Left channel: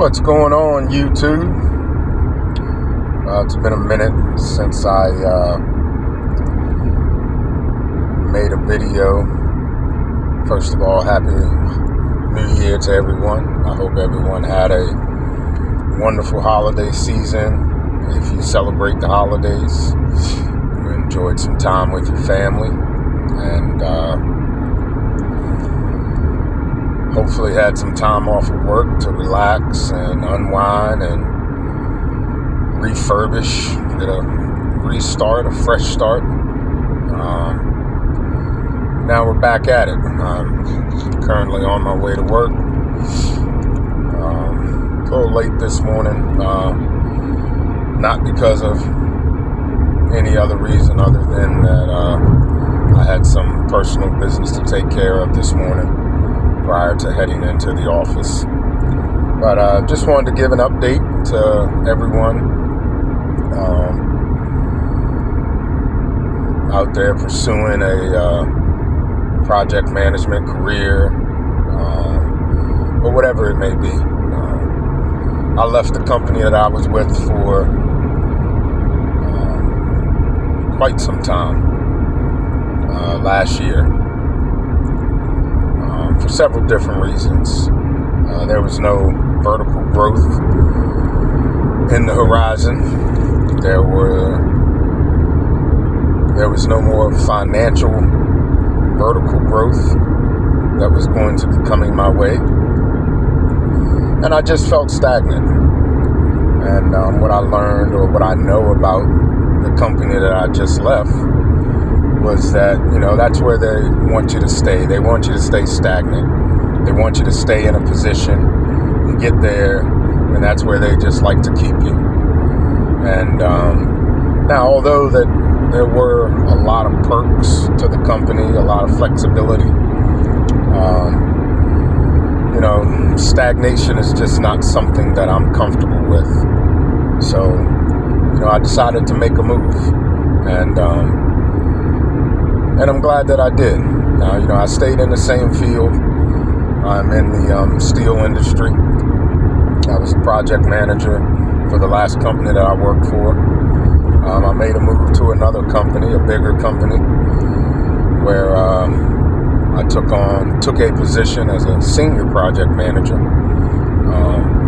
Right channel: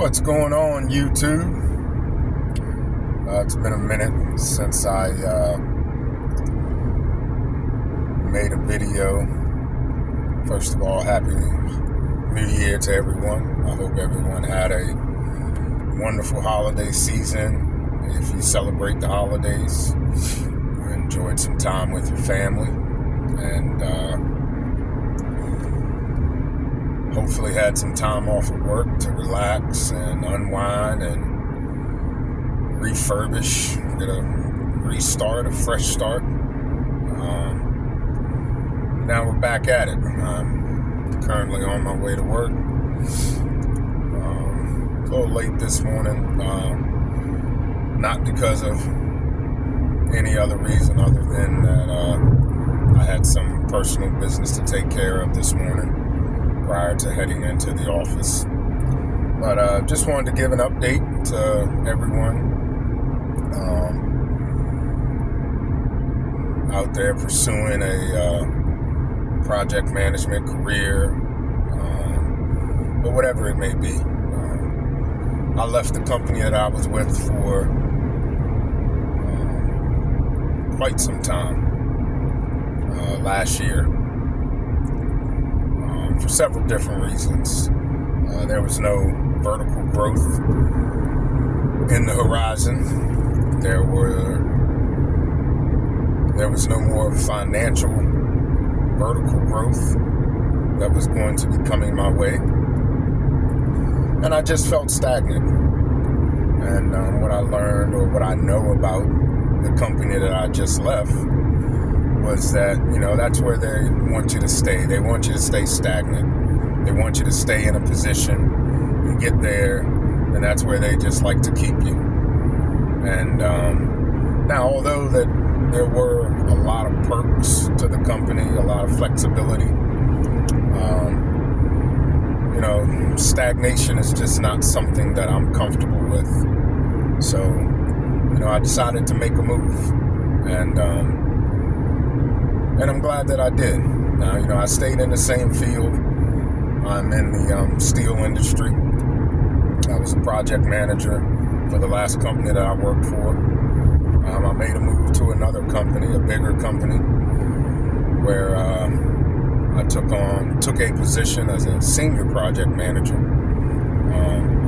What's going on, YouTube? It's been a minute since I made a video. First of all, Happy New Year to everyone. I hope everyone had a wonderful holiday season. If you celebrate the holidays, you enjoyed some time with your family, and hopefully had some time off of work to relax and unwind and refurbish, get a restart, a fresh start. Now we're back at it. I'm currently on my way to work. A little late this morning, not because of any other reason other than that I had some personal business to take care of this morning prior to heading into the office. But just wanted to give an update to everyone out there pursuing a project management career, or whatever it may be. I left the company that I was with for quite some time last year. For several different reasons. There was no vertical growth in the horizon. There was no more financial vertical growth that was going to be coming my way. And I just felt stagnant. And what I learned, or what I know about the company that I just left, was that, that's where they want you to stay. They want you to stay stagnant. They want you to stay in a position and get there, and that's where they just like to keep you. And now, although that there were a lot of perks to the company, a lot of flexibility, stagnation is just not something that I'm comfortable with. So, I decided to make a move, and I'm glad that I did. I stayed in the same field. I'm in the steel industry. I was a project manager for the last company that I worked for. I made a move to another company, a bigger company, where I took a position as a senior project manager.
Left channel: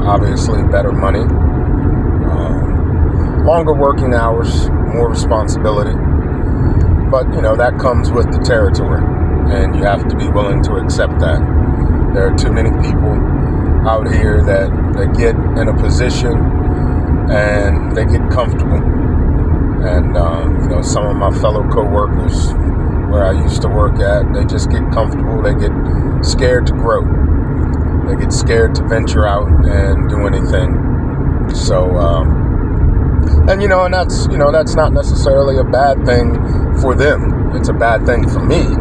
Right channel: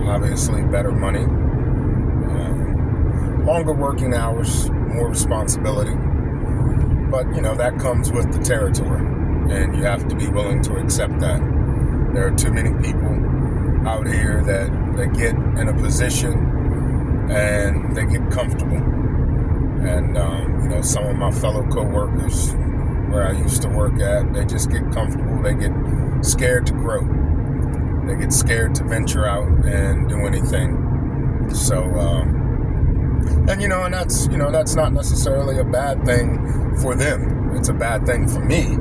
Obviously, better money, longer working hours, more responsibility. But, that comes with the territory, and you have to be willing to accept that. There are too many people out here that they get in a position and they get comfortable. And, some of my fellow co-workers where I used to work at, they just get comfortable. They get scared to grow. They get scared to venture out and do anything. So, and that's not necessarily a bad thing for them. It's a bad thing for me,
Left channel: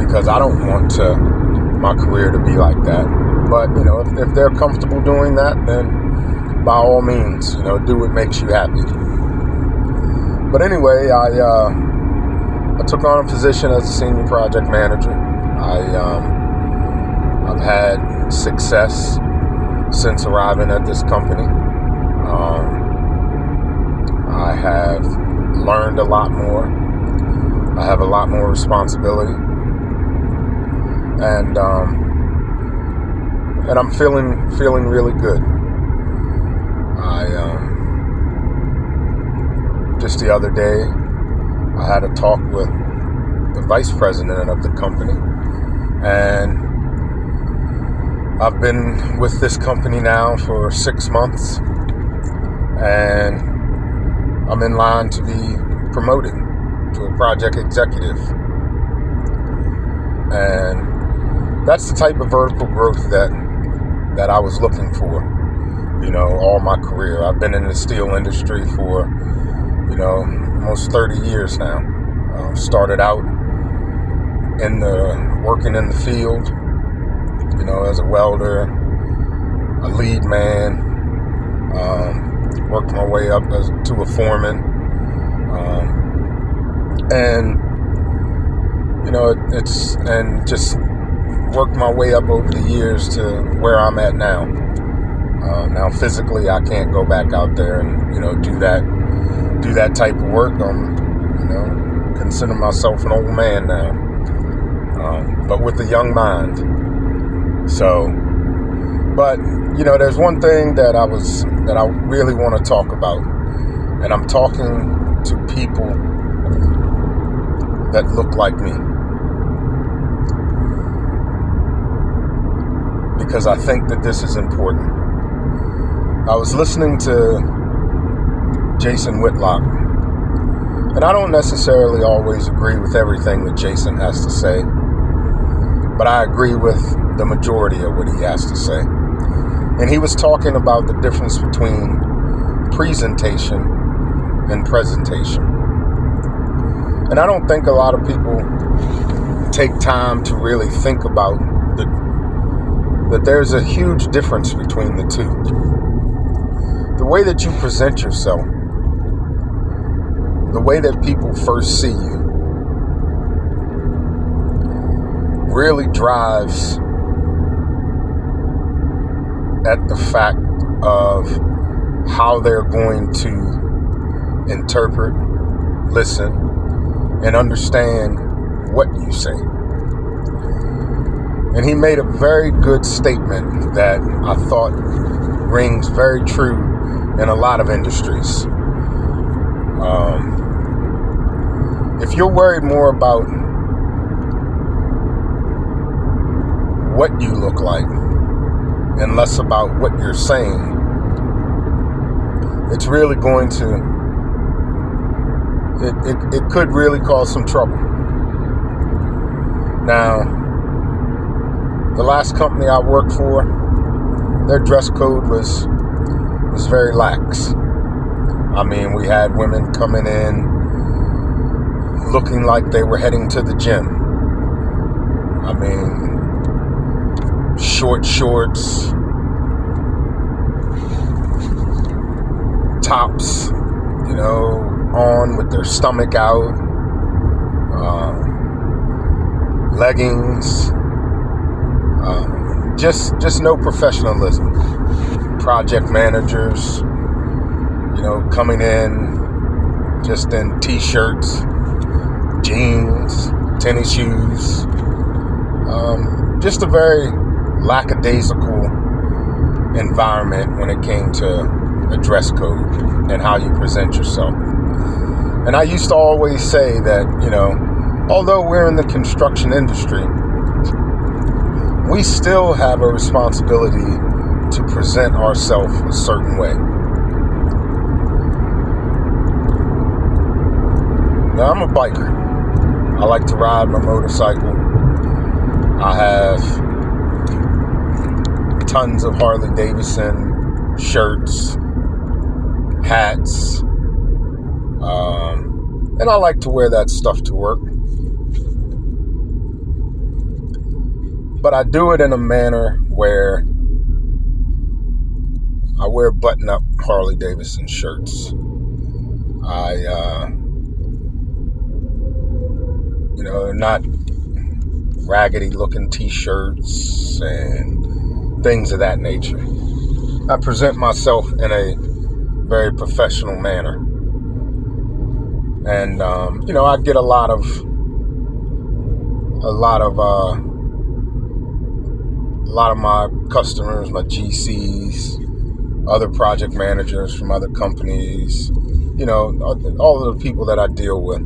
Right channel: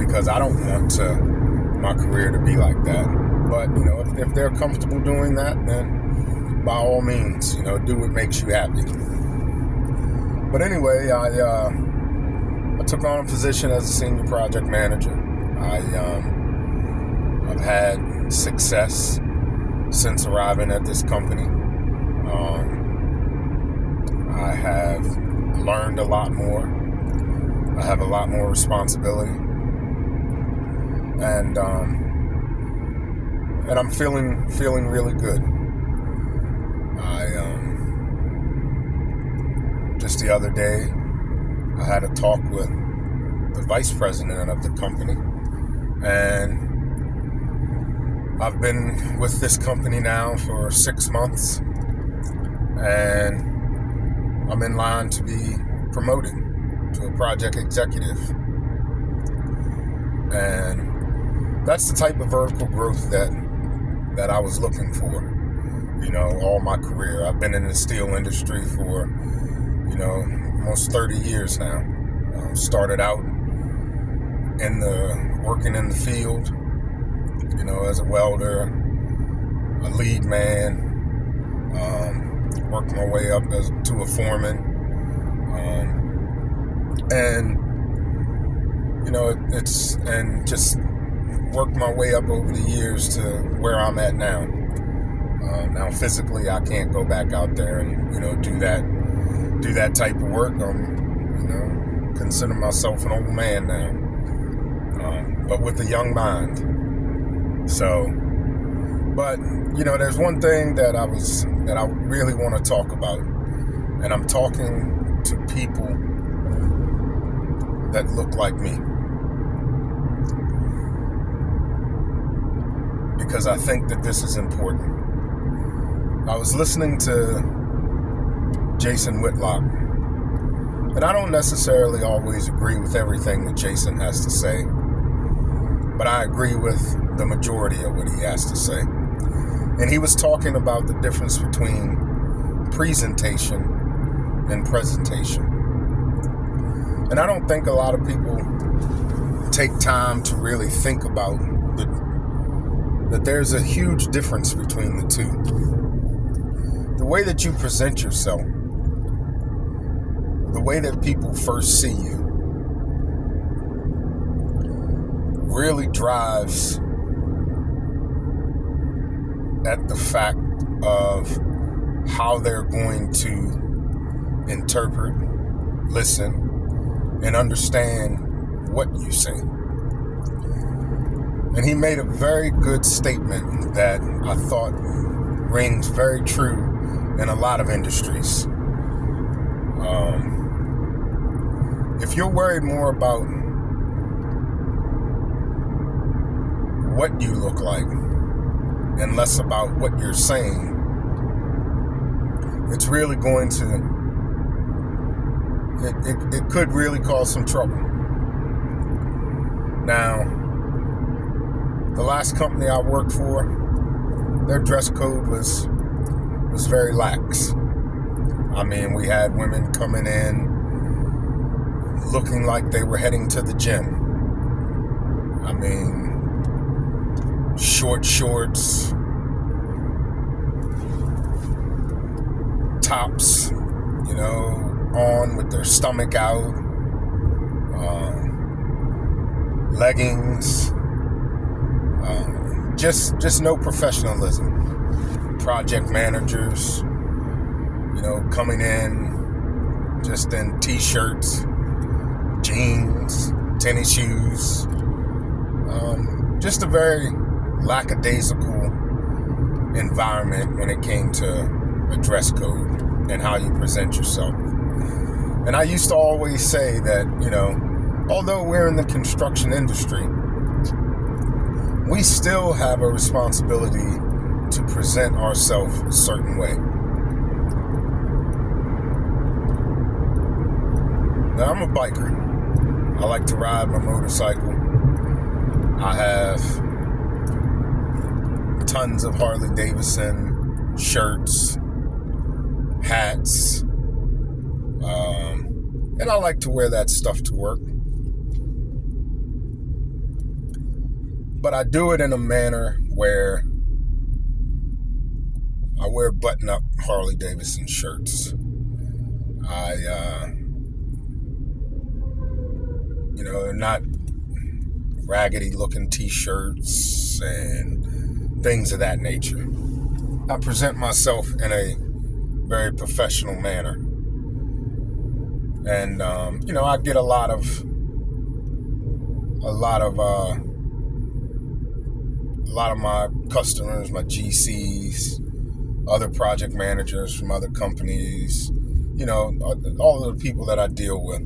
because I don't want my career to be like that. But, if they're comfortable doing that, then by all means, do what makes you happy. But anyway, I took on a position as a senior project manager. I've had success since arriving at this company. I have learned a lot more. I have a lot more responsibility, and I'm feeling really good. Just the other day, I had a talk with the vice president of the company, and I've been with this company now for 6 months, and I'm in line to be promoted to a project executive. And that's the type of vertical growth that I was looking for, all my career. I've been in the steel industry for, almost 30 years now. Started out working in the field, as a welder, a lead man, worked my way up to a foreman, and just worked my way up over the years to where I'm at now. Now, physically, I can't go back out there and, do that type of work. Consider myself an old man now, but with a young mind. So, but, there's one thing that I really want to talk about, and I'm talking to people that look like me, because I think that this is important. I was listening to Jason Whitlock, and I don't necessarily always agree with everything that Jason has to say, but I agree with the majority of what he has to say. And he was talking about the difference between presentation and presentation. And I don't think a lot of people take time to really think about that there's a huge difference between the two. The way that you present yourself, the way that people first see you, really drives at the fact of how they're going to interpret, listen, and understand what you say. And he made a very good statement that I thought rings very true in a lot of industries. If you're worried more about what you look like and less about what you're saying, it's really going to, it could really cause some trouble. Now, the last company I worked for, their dress code was very lax. I mean, we had women coming in looking like they were heading to the gym. I mean, short shorts, tops, on with their stomach out, leggings, just no professionalism. Project managers, coming in just in t-shirts, jeans, tennis shoes, just a very lackadaisical environment when it came to a dress code and how you present yourself. And I used to always say that, although we're in the construction industry, we still have a responsibility to present ourselves a certain way. Now, I'm a biker. I like to ride my motorcycle. I have tons of Harley Davidson shirts, hats, and I like to wear that stuff to work. But I do it in a manner where I wear button-up Harley Davidson shirts. Not raggedy looking t-shirts and things of that nature. I present myself in a very professional manner. And, I get a lot of my customers, my GCs, other project managers from other companies, all of the people that I deal with,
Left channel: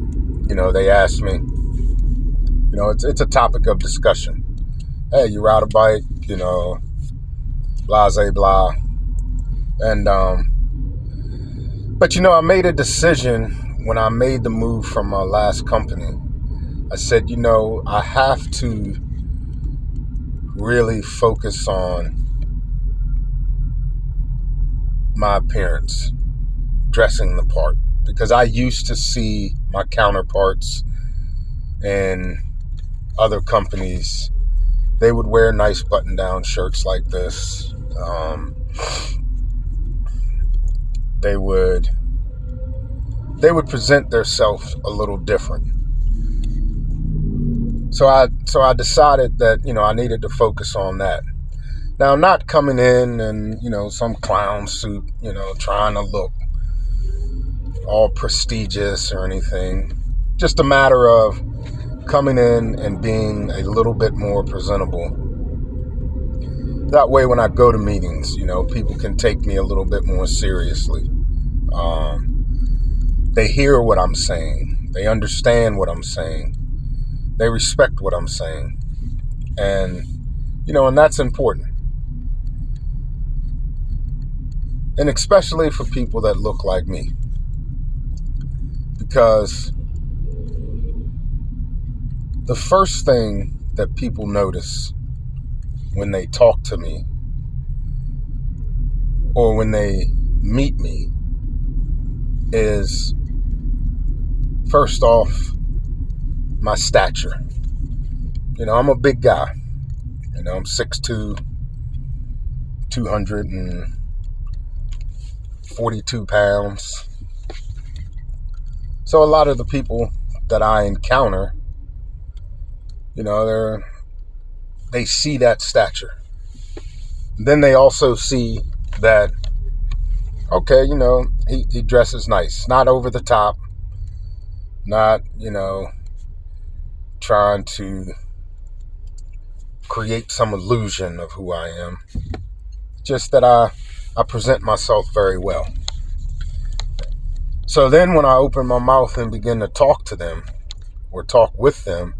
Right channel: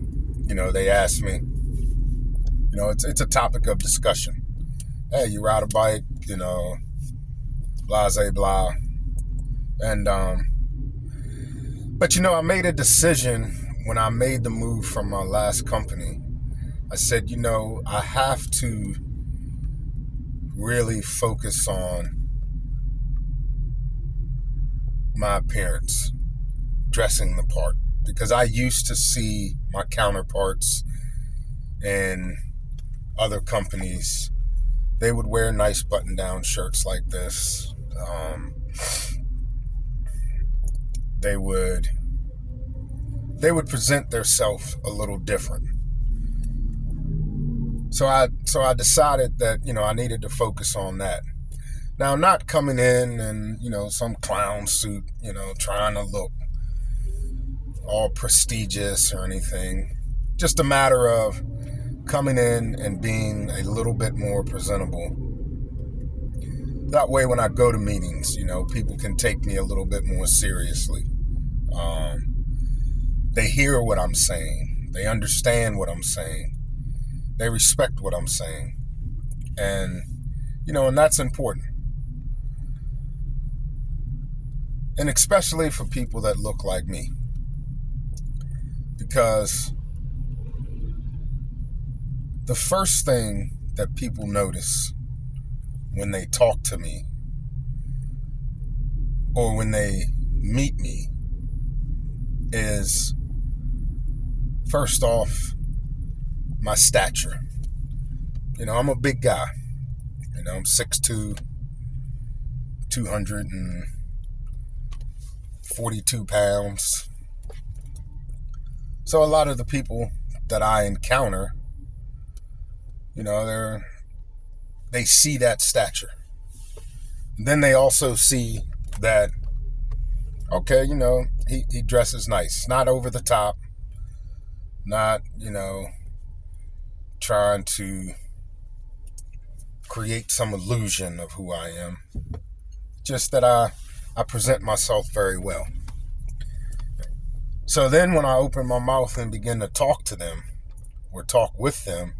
they ask me, it's a topic of discussion. Hey, you ride a bike, blah, blah. And, but I made a decision when I made the move from my last company. I said, I have to really focus on my appearance, dressing the part, because I used to see my counterparts in other companies. They would wear nice button-down shirts like this. They would present themselves a little different. So I decided that, I needed to focus on that. Now, I'm not coming in and, some clown suit, trying to look all prestigious or anything. Just a matter of coming in and being a little bit more presentable. That way, when I go to meetings, people can take me a little bit more seriously. They hear what I'm saying. They understand what I'm saying. They respect what I'm saying. And, and that's important. And especially for people that look like me. Because the first thing that people notice when they talk to me or when they meet me is, first off, my stature. I'm a big guy. I'm 6'2", 242 pounds. So a lot of the people that I encounter, they see that stature. Then they also see that, okay, he dresses nice. Not over the top. Not, trying to create some illusion of who I am. Just that I present myself very well. So then when I open my mouth and begin to talk to them or talk with them,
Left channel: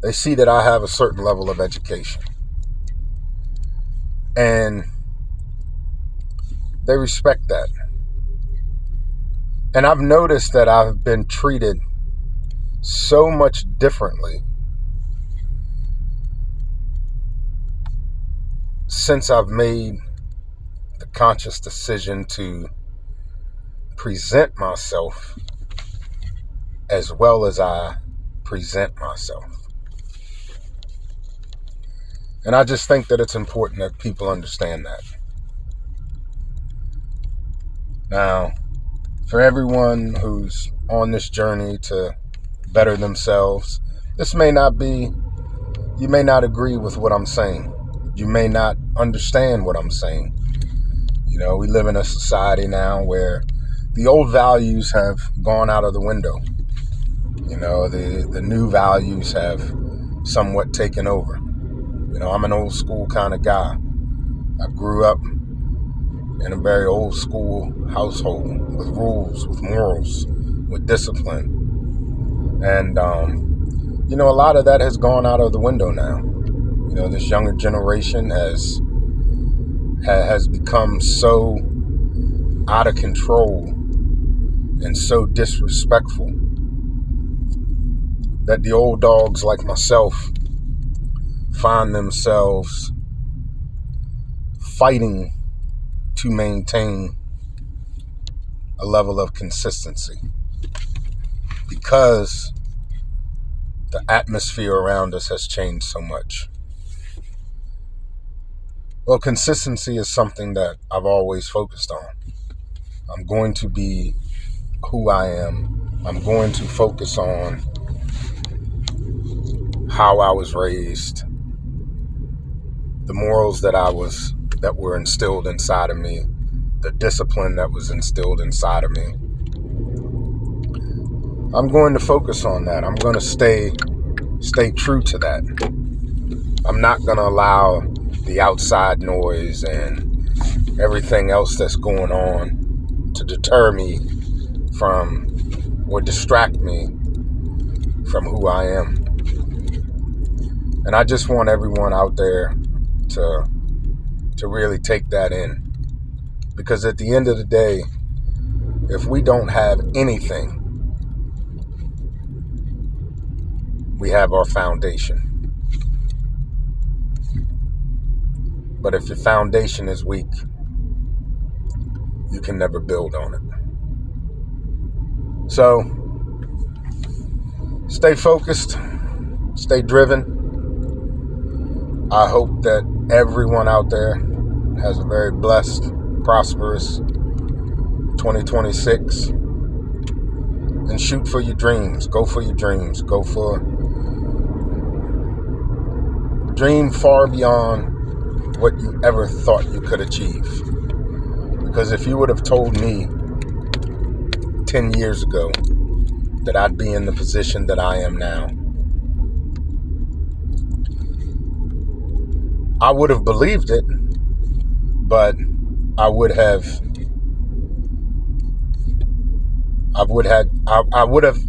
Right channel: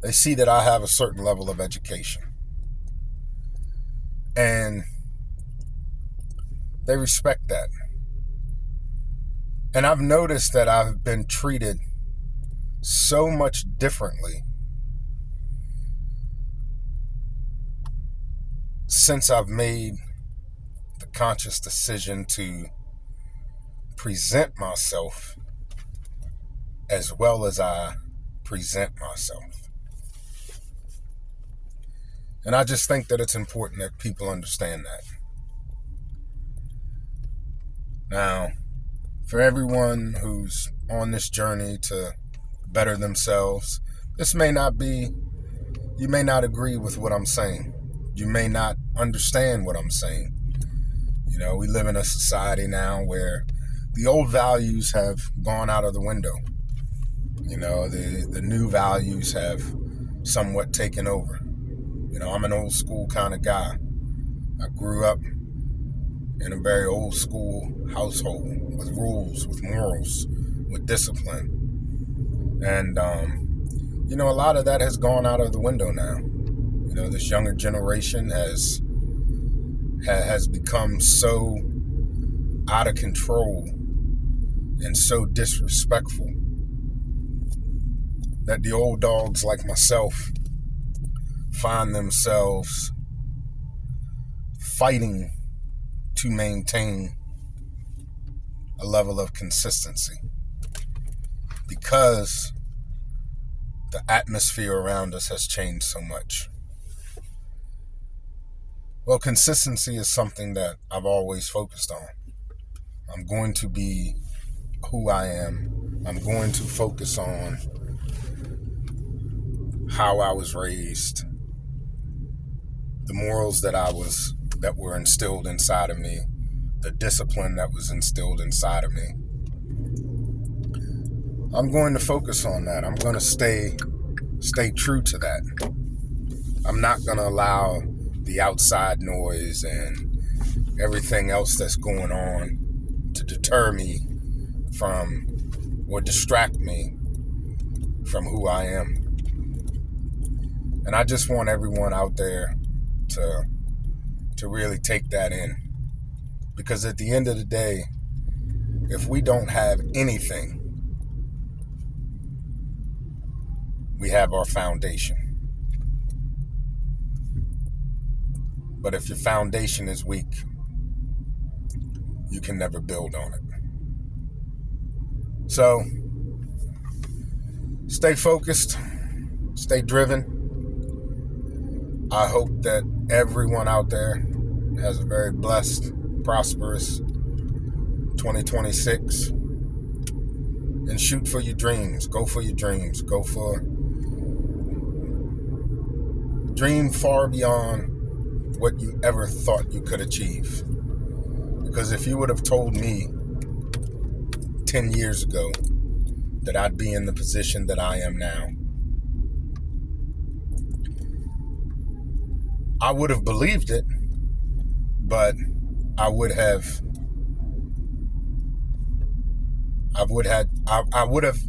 they see that I have a certain level of education. And they respect that. And I've noticed that I've been treated so much differently since I've made the conscious decision to present myself as well as I present myself. And I just think that it's important that people understand that. Now, for everyone who's on this journey to better themselves, you may not agree with what I'm saying. You may not understand what I'm saying. We live in a society now where the old values have gone out of the window. The new values have somewhat taken over. I'm an old school kind of guy. I grew up in a very old school household with rules, with morals, with discipline. And, a lot of that has gone out of the window now. This younger generation has become so out of control and so disrespectful that the old dogs like myself find themselves fighting to maintain a level of consistency because the atmosphere around us has changed so much. Well, consistency is something that I've always focused on. I'm going to be who I am. I'm going to focus on how I was raised, the morals that were instilled inside of me, the discipline that was instilled inside of me. I'm going to focus on that. I'm going to stay true to that. I'm not going to allow the outside noise and everything else that's going on to deter me from or distract me from who I am. And I just want everyone out there to really take that in. Because at the end of the day, if we don't have anything, we have our foundation. But if your foundation is weak, you can never build on it. So, stay focused, stay driven. I hope that everyone out there has a very blessed, prosperous 2026. And shoot for your dreams. Go for your dreams. Go for Dream far beyond what you ever thought you could achieve. Because if you would have told me 10 years ago that I'd be in the position that I am now, I would have believed it, but I would have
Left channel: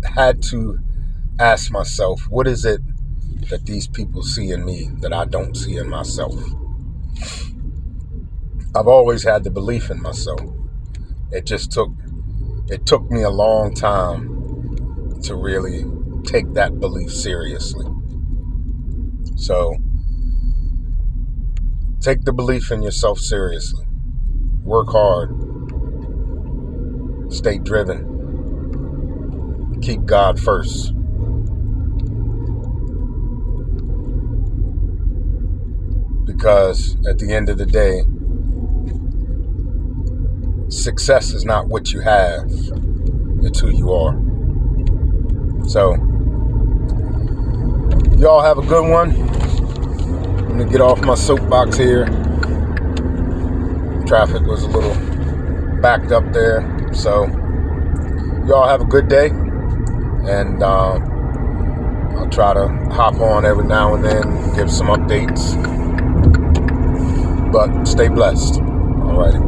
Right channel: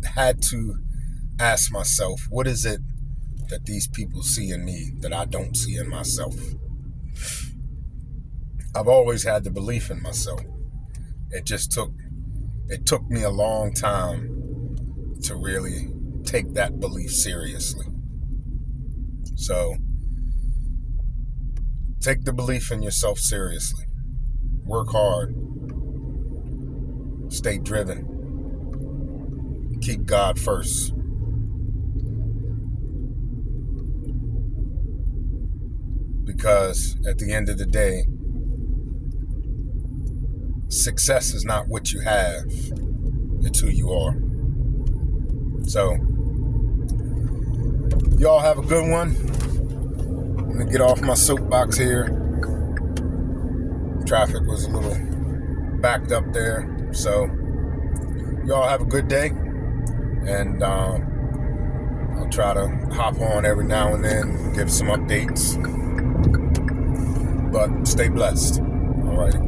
had to ask myself, what is it that these people see in me that I don't see in myself? I've always had the belief in myself. It took me a long time to really take that belief seriously. So take the belief in yourself seriously. Work hard. Stay driven. Keep God first. Because at the end of the day, success is not what you have, it's who you are. So, y'all have a good one. I'm gonna get off my soapbox here. Traffic was a little backed up there. So, y'all have a good day. And I'll try to hop on every now and then, give some updates. But stay blessed. All righty.